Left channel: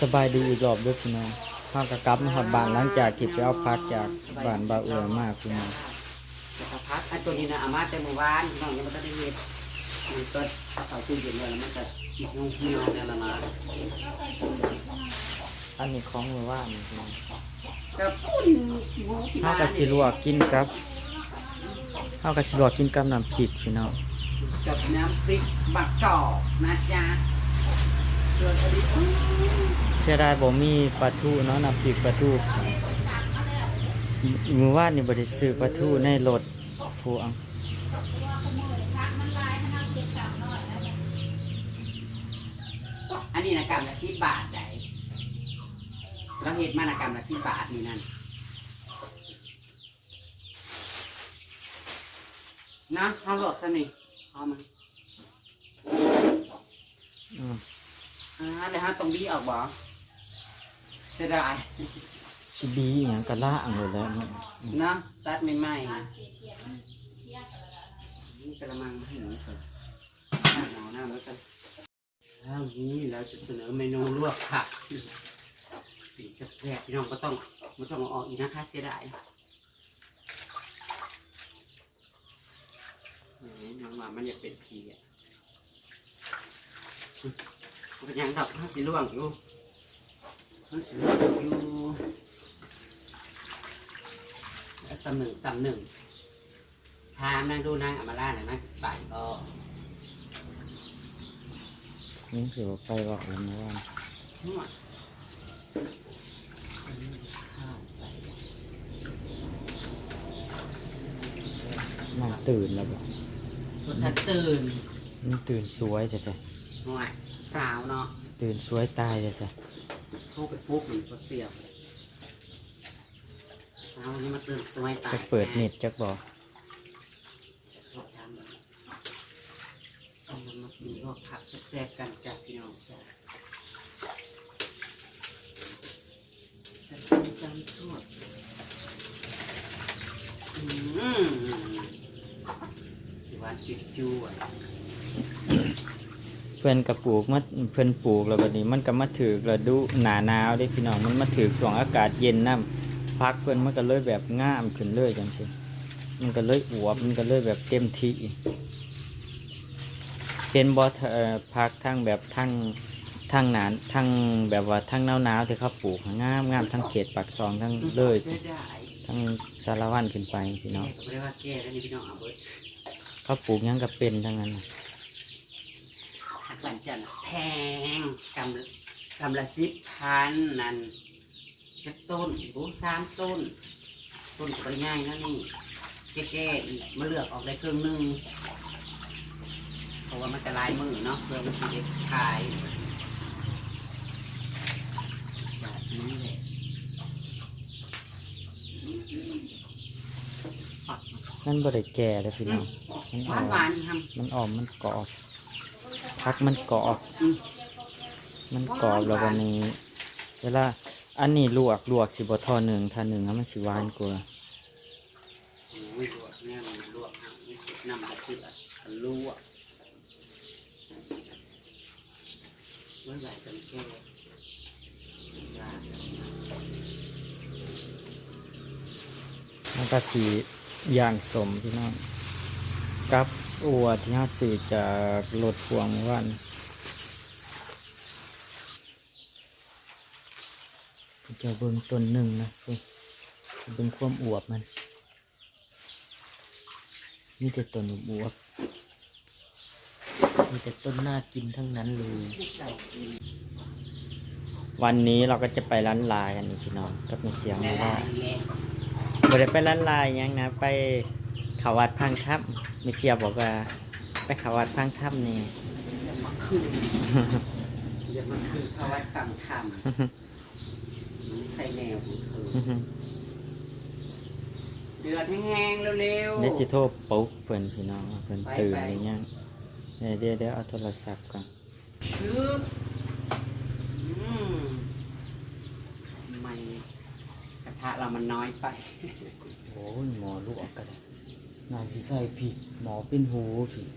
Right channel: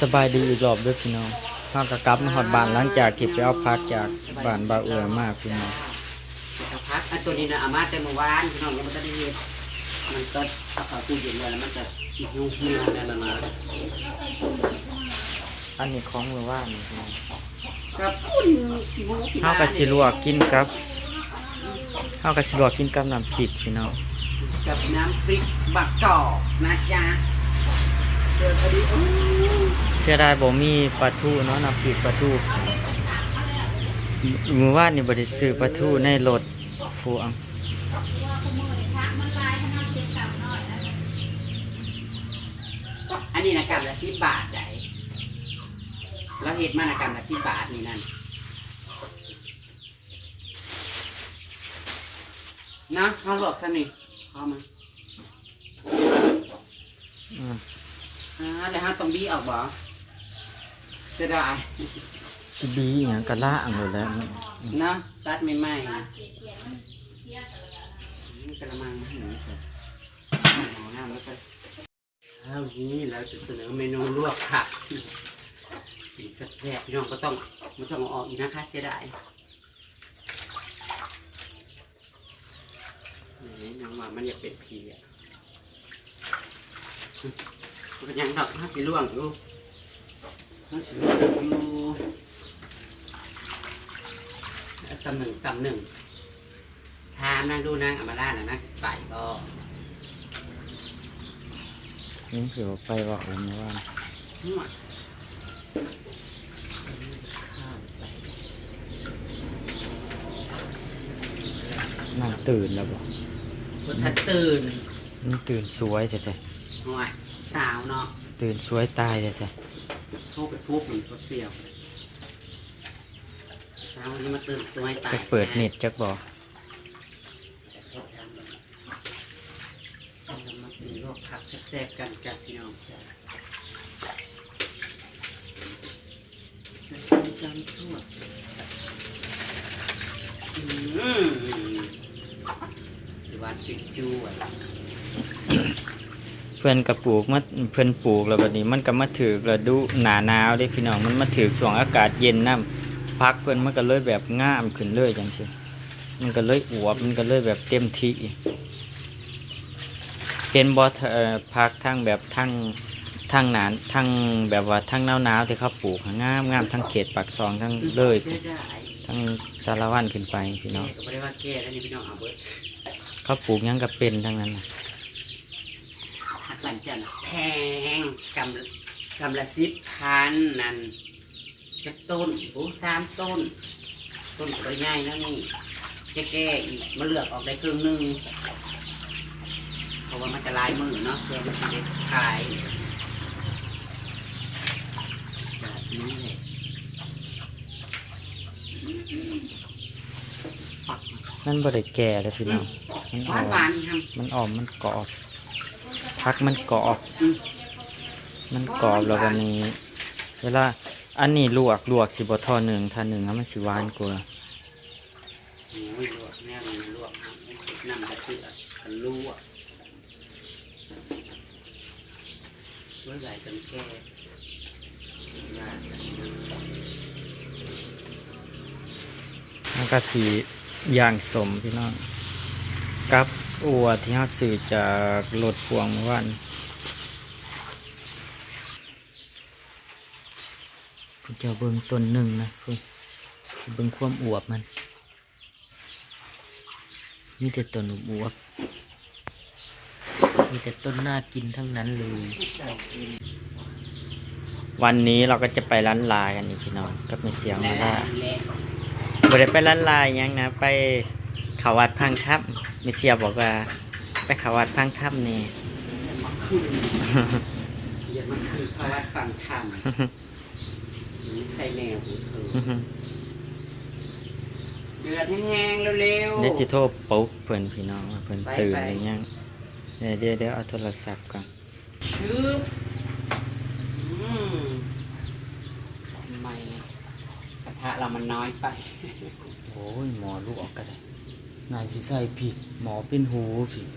สบายดีอีกรอบเด้วยพี่น้องข้าวกะกลับมาหอดบ้านหลังจากที่ไปเอาพักจากบ้านบาวเอือมากพี่น้องกระพักอันตัวนี้นะอามาแต่เมื่อวานพี่น้องยังไม่ได้เห็ดมันก็เอาตู้เย็นไว้แล้วมันจะยุ่งเหี่ยวแน่ละนะอันนี้ของมือว่านนี่พี่น้องกับปุ่นขี้มูขี้ข้าวกะสิลวกกินกับข้าวกะสิลวกกินกับน้ำพริกพี่น้องกับน้ำพริกบักกอกนะจ๊ะ เกิดพอดีอู้เชื่อได้บ่มีปลาทูเนาะน้ำพริกปลาทูมือว่านนี่บ่ได้ซื้อปลาทูในรถพวงอันนี้นะกำละสิบบาทใหญ่แล้วเห็ดมานะกำละสิบบาทนี่นั่นนะเขาหลอกสนิทเอามา อืมอ่าแล้วเขาต้องบี้ออกบ่เสียดายสิบีอหยังกะล่างเลยแหล้วมันเนาะตัดไม่ไหม้นะนี่กระมังมาให้หนูเถอะหมอหน้ามันก็แล้วนี้เราจะเสนอเมนูลวกผักกินแซ่บๆพี่น้องก็ต้องไม่ต้องเอาออกอีกนะคะเสียดายนี่น้องว่ามันอยากเป็นผีอะมัน เป็นหยังดอกห้าสีล่วงอยู่ห้าสีล่วงอยู่แล้วสำหนึ่งสำหนึ่งถามนางดูนางอำมาล่านะนางสิไปก็นี่สิบ่ไปบอกเลยมือว่านนวดข้าวไปนั่งตื่นแล้วบ่บนทัดตื่นมันตื่นสวยแท้หน่วย สาวเนาะๆตื่นสวยตายแท้เข้าไปปุ๊บมันก็เสียวสาววันนี้มาตื่นสวยๆตายจะเปิดเน็ตจักบ่เรามากินลวกผักแซ่บๆกันจ้ะพี่น้องจ้ะจะทำจานทั่วอืมสิหวานจุ๊จุ๊อะเพื่อนกระปลูกมาเพื่อนปลูกแล้วบัดนี้มันก็มาถือกระดูหนาหนาวเด้พี่น้องมันมาถือกช่วงอากาศเย็นน้ำพักเพื่อนมันก็เลยแบบง่ามขึ้นเลยจังซี่มันก็เลยอวบมันก็เลยแบบเต็มที่เห็นบ่เอ่อพักทั้งแบบทั้งทั้งหนานทั้งแบบว่าทั้งหนาวหนาวๆที่เขาปลูกงามงามทั้งเขตปากซองทั้งเลยได้ได้ทั้งสารวันขึ้นไปพี่น้องแก้ก็ไม่ได้ว่าแก้แล้วนี่พี่น้องเอาเบิดเขาปลูกหยังก็เป็นทั้งนั้นน่ะ หักหลังจันทร์แพงกำกำละสิบพันนั่นจะต้นโอ้สามต้น ต้นสวยง่ายนะนี่แก้ๆอีกมาเลือกออกได้ครึ่งหนึงเพราะว่ามันจะลายมือเนาะเพื่อมันจะได้ขายแบบนี้แหละปักมันบ่ได้แก่เลยพี่น้อง มันหอ่วาอนนหวานทมันอ่อมมันกรอบ พักมันกรอบำอืม มันกรอบแล้ววันนี้ เวลา อันนี้ลวกลวกสิบทอหนึ่งทาหนึ่งแล้วมันสิหวานกว่าโอ้ยลวกแน่มันลวกเอาน้ำกระเทือกกันลวกเมื่อไหร่จะแก้ยากมันก็สีย่างสมพี่น้องกับ อัวที่เขาซื้อจากรถพวงวันเพิ่นจะเบิ่งต้นหนึ่งนะพิ่นเบิ่งความอวบมันมีแต่ต้นอวบมีแต่ต้นน่ากินทั้งนั้นเลย วันนี้เราก็จะไปร้านลากันอีกพี่น้องกับไม่เสียงมาล่าบ่ได้ไปร้านลายยังนะ ไปเขาวัดพังทับ มิเสียบอกว่า ไปเขาวัดพังทับนี่อย่ามาคืนอย่ามาคืนเพราะว่าฟังธรรมไม่ใช่แนวของเธอเดือดแห้งๆเร็วๆเดี๋ยวสิโทรปลุ๊กเพิ่นพี่น้องว่าเพิ่นไปตื่นไปหรือยังเดี๋ยวเดี๋ยวเดี๋ยวเอาโทรศัพท์ก่อนคืออืมทำไมกระทะเรามันน้อยไป โอ้ยหมอลูกออกก็ได้ นายสิใส่ผิดหมอเป็นหูผิด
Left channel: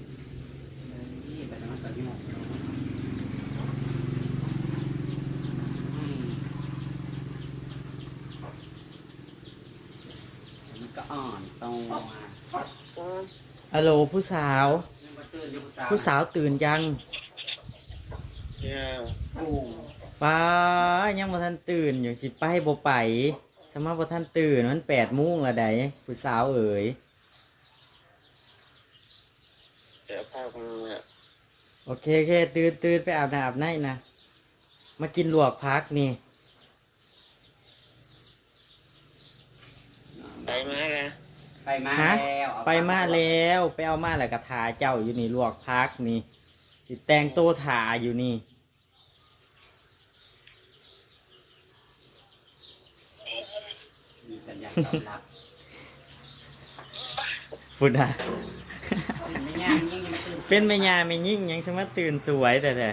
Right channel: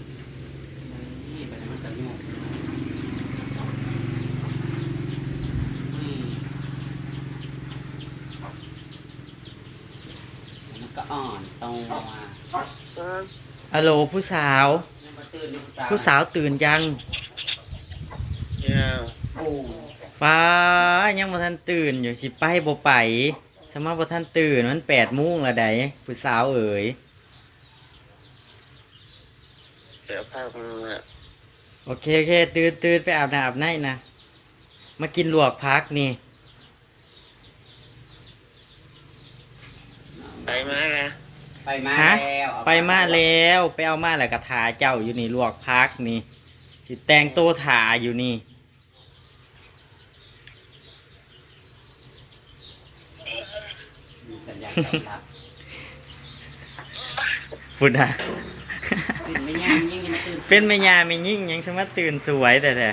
ก็อ่อนโตอะโลผู้สาว ผู้สาวตื่นยังป้ายังบ่ท่านตื่นอยู่สิไปบ่ไปสมมติบ่ท่านตื่นมันแปดมุ้งละใดผู้สาวเอ๋ย เดี๋ยวพาคุณอะโอเคโอเคตื่นตื่นไปอาบน้ำอาบในนะมากินลวกพักนี่ไปมาแล้วไปมาฮะแล้วเอไปมาแล้วไปเอามาแล้วก็ทาเจ้าอยู่นี่ลวกพักนี่สิแต่งโตวทาอยู่นี่ มีสัญญาณตอบรับพุ่นนะตื่นไม่ยังยังยังไม่ตื่น เป็นแม่ยาไม่ยิ่งยังสมาตื่นสวยแต่แต่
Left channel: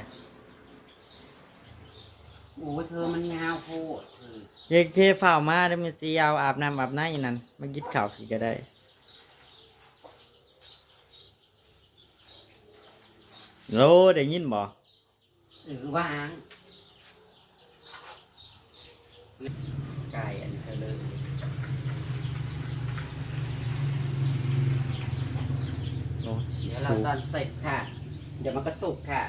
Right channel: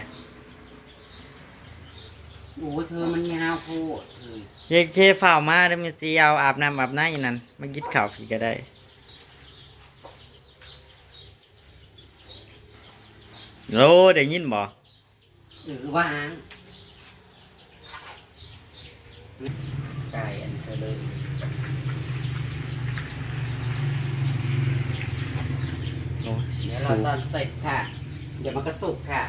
โอ้เธอมันยาวโคตรเลยเยเคฝ่าวมาได้มีจีเอาอาบน้ำอาบในนั่นมากินข้าวผีก็ได้โลได้ยินบ่หรือวางไก่อันเธอเลย โอ้สิเดี๋ยวเราสูตอนเสร็จค่ะ เดี๋ยวมันก็สุกค่ะ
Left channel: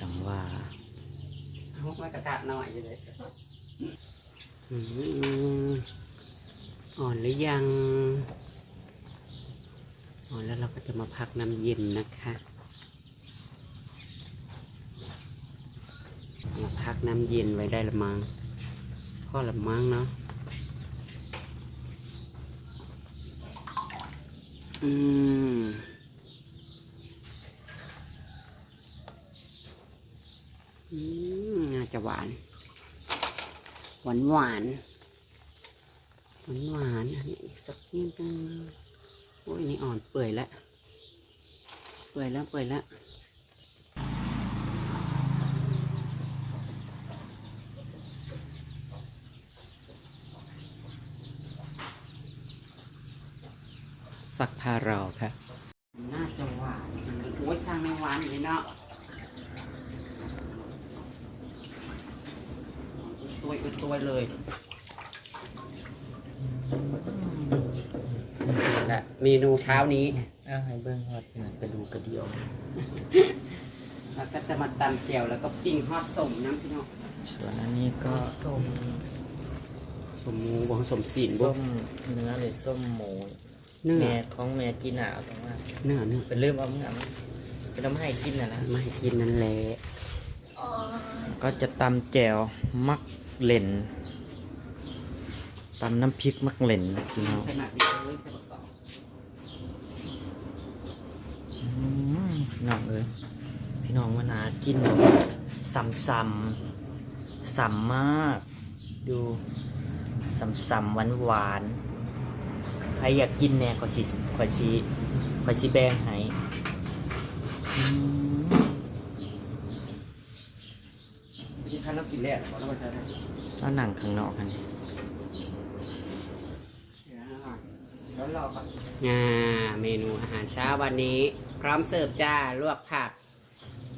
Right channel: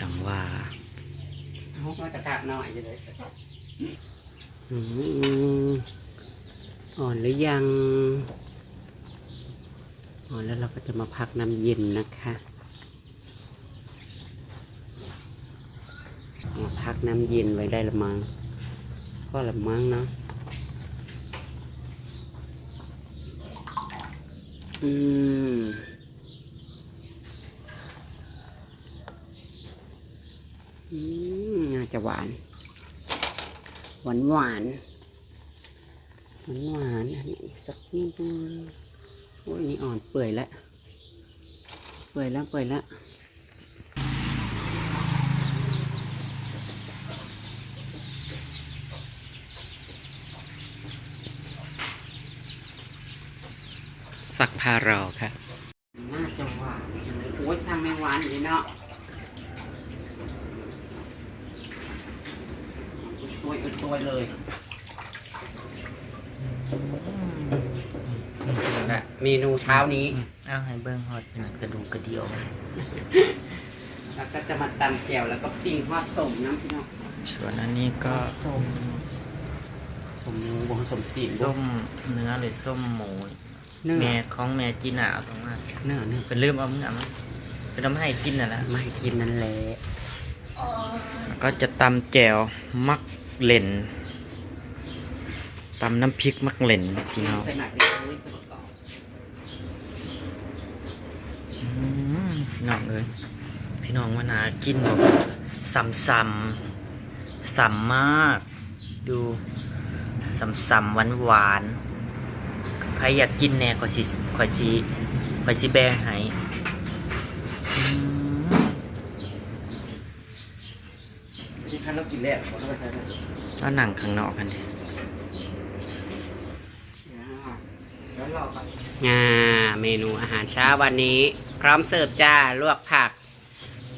จังว่าเอามากระทะหน่อยจะได้อ่อนหรือยัง อ่อนแล้วเราก็จะมาพักน้ำเย็นนะคะมาพักน้ำเย็นไว้ได้ละมังก็ละมังเนาะ อืมอืมน่าจะหวาน หวานหวานหวานหวานอันนี้อีกสักนิดนึงโอ้ยนี่อ่อนเปื่อยแล้ว เปื่อยแล้วเปื่อยแล้ว สักพารอครับน่าจะหวานจังเลยโอ้ยสร้างไม่หวานเลยเนาะตัวตัวเลยและเมนูเช้านี้ เอาให้เบิ้งฮอดนั่นกระดูกกระเดียวแล้วก็จะมาตำแจ่วแล้วก็ปิ้งทอดสมน้ำพี่น้องส่วนอันนี้ก็สมสมหมูบงสมสีนส้มเนื้อหรือส้มหมู เนื้อแม่ของแม่จีน่าเอาตรงมาเนื้อเนื้อเป็นลืมเอาเมื่อมันเป็นทำให้กินน่ะนะมาให้กินนั่นแหละก็จะตำแจ่วมักเหล่นตำน้ำพริกมักเหล่นพี่น้องใส่หมักดิบเลยใส่หมักกรอบอืมพี่น้องเอ้ยพี่น้องมานากินแบบสัมสัมสัมมาก ดูสัมสัมหวานหวานๆใครอยากกินแน่ขอยสิขอยสิขอยสิแบ่งให้อืมที่ท่านเรากินแล้วขอเราไปใช้ได้แล้วหนังข้างนอกกันดิแล้วเราก็งาเมนูอาหารเช้าวันนี้ พร้อมเสิร์ฟจ้าลวกผัก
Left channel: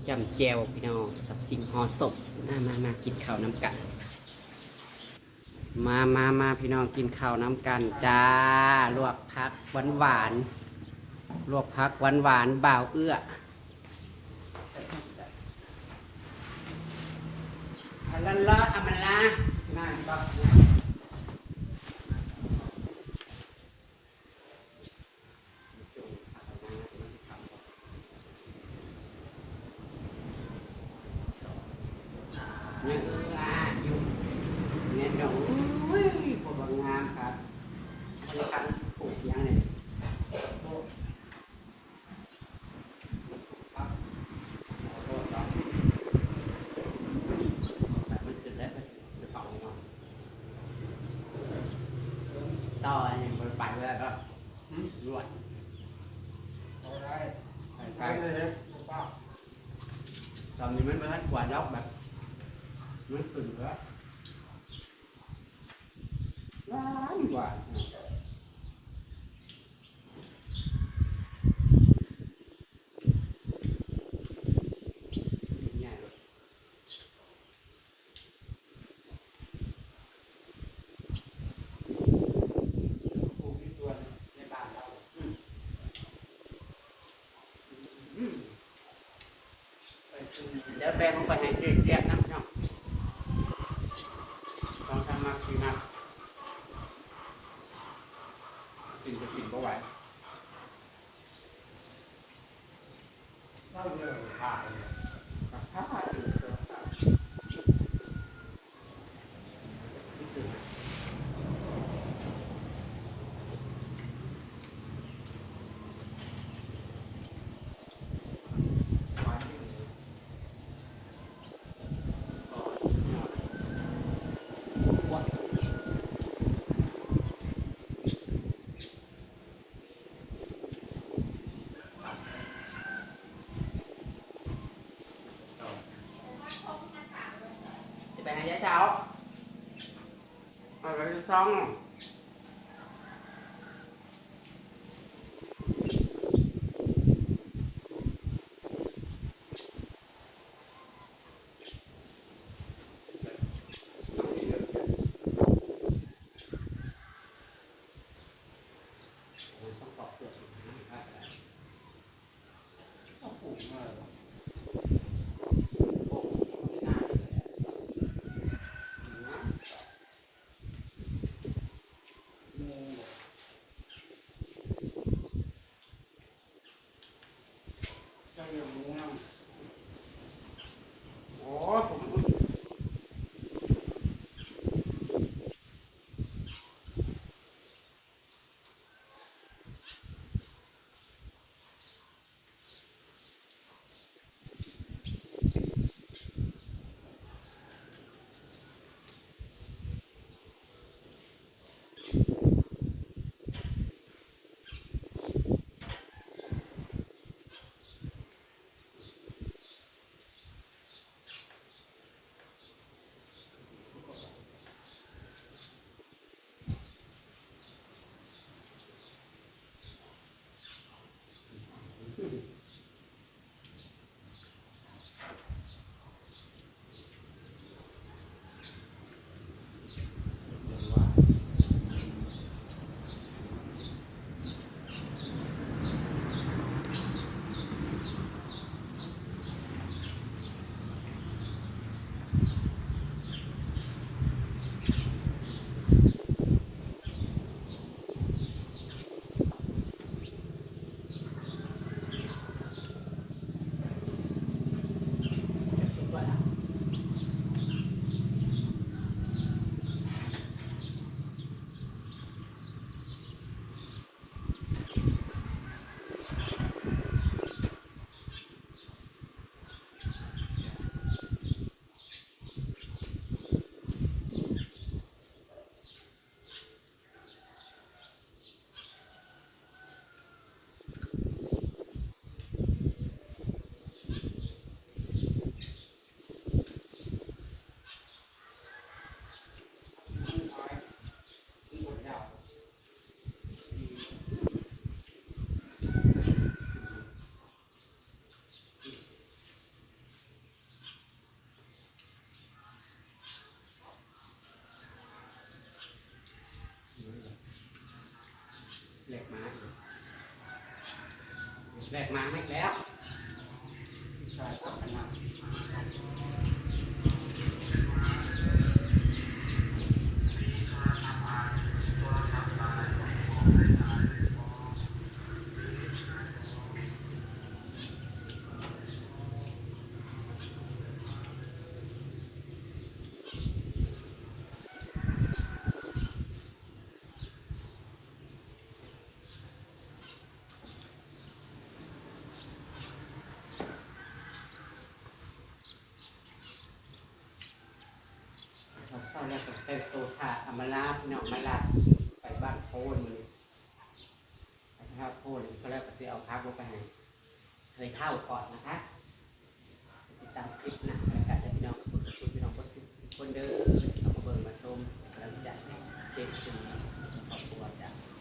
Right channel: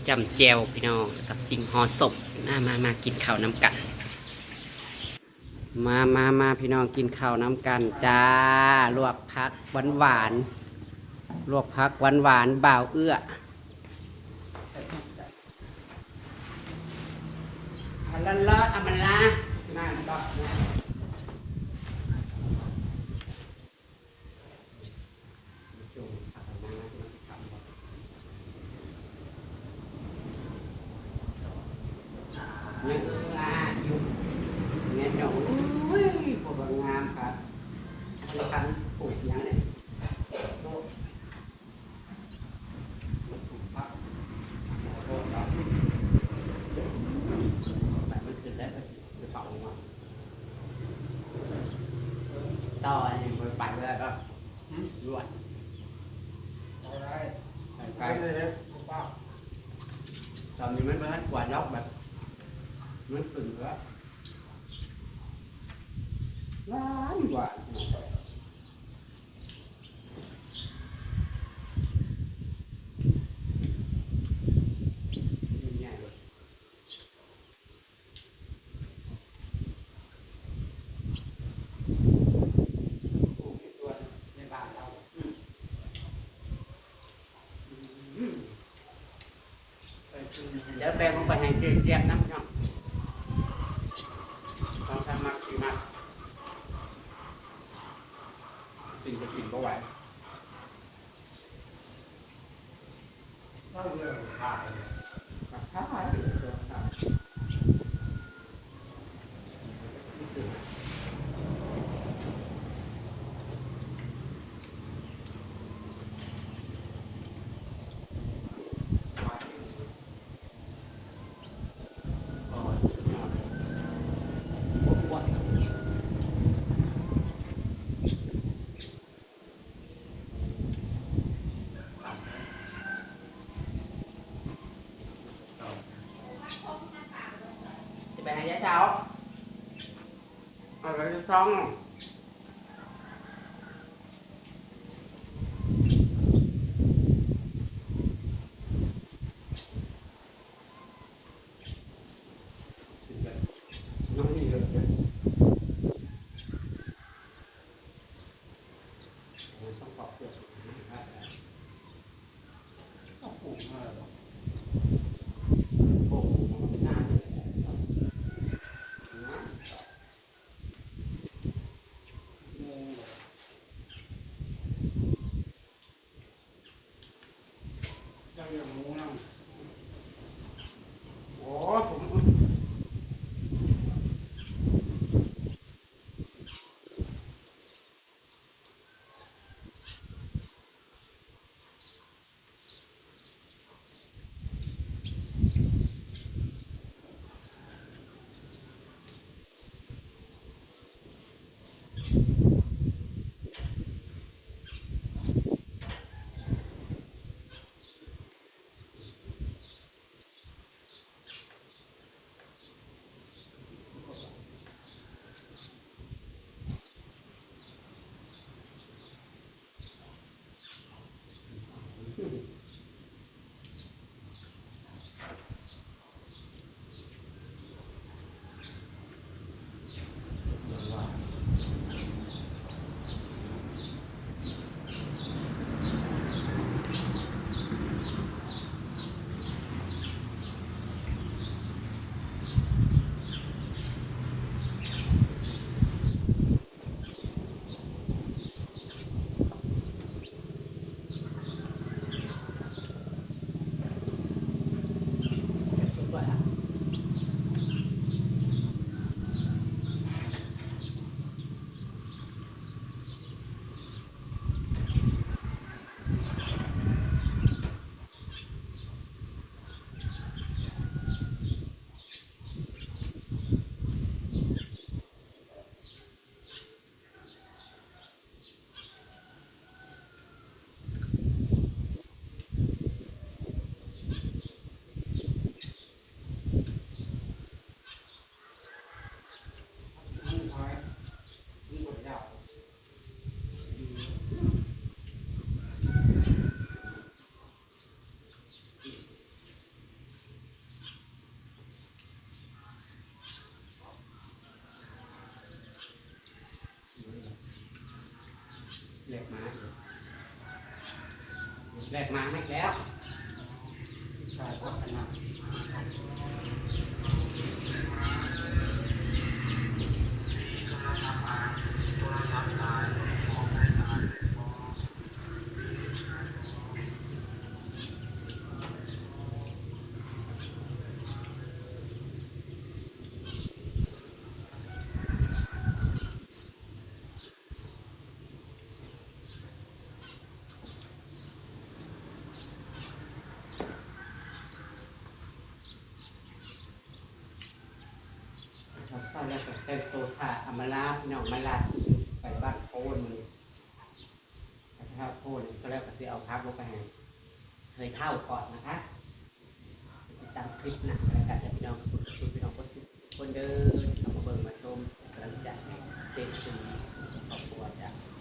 จำเจวพี่น้องแล้วกับปิ้งห่อศพมามามากินข้าวน้ำกัน มามามาพี่น้องกินข้าวน้ำกันจ้า ลวกผักหวานหวานลวกผักหวานหวานบ่าวเอื้ออันละละอันมันละนั่นก็เนี่ยอ่าอยู่เนี่ยหยงโอ้ยป วดงามครับคนละคันปลูกยังไงปลูกปั๊บหมอโทษเราแบบมันขึ้นแล้วจะเป่าลงมาต่อไอ้มันไปเวลาก็รวดไปไปตอนนี้มันเป็นกวาดอกแบบมันขึ้นแล้ว หวานเดี๋ยวแปลงลงไปให้เกลี่ยน้ำเนาะสองทำมากดสี่มาด สิ่งจะกินก็ไหวเข้าเลยขาดเลยขาดเลยขาด จะไปไหน แหลกมาไม่แล้วาแล้วก็เต็มโซธาอมาลาพี่น้องมาลาไปบ้านโพนมันไปข้าวโพนก็แล้วก็ซื้อเอาพักลงไปห้เคยเท่าก่อนนะคะติดตามคลิปหนักแล้วกันพี่น้องคุณคุณพี่น้องคนคนเดินเอามาเบิ่งมาชมกำลังใจเต็มที่ครอบครัวจ้ะ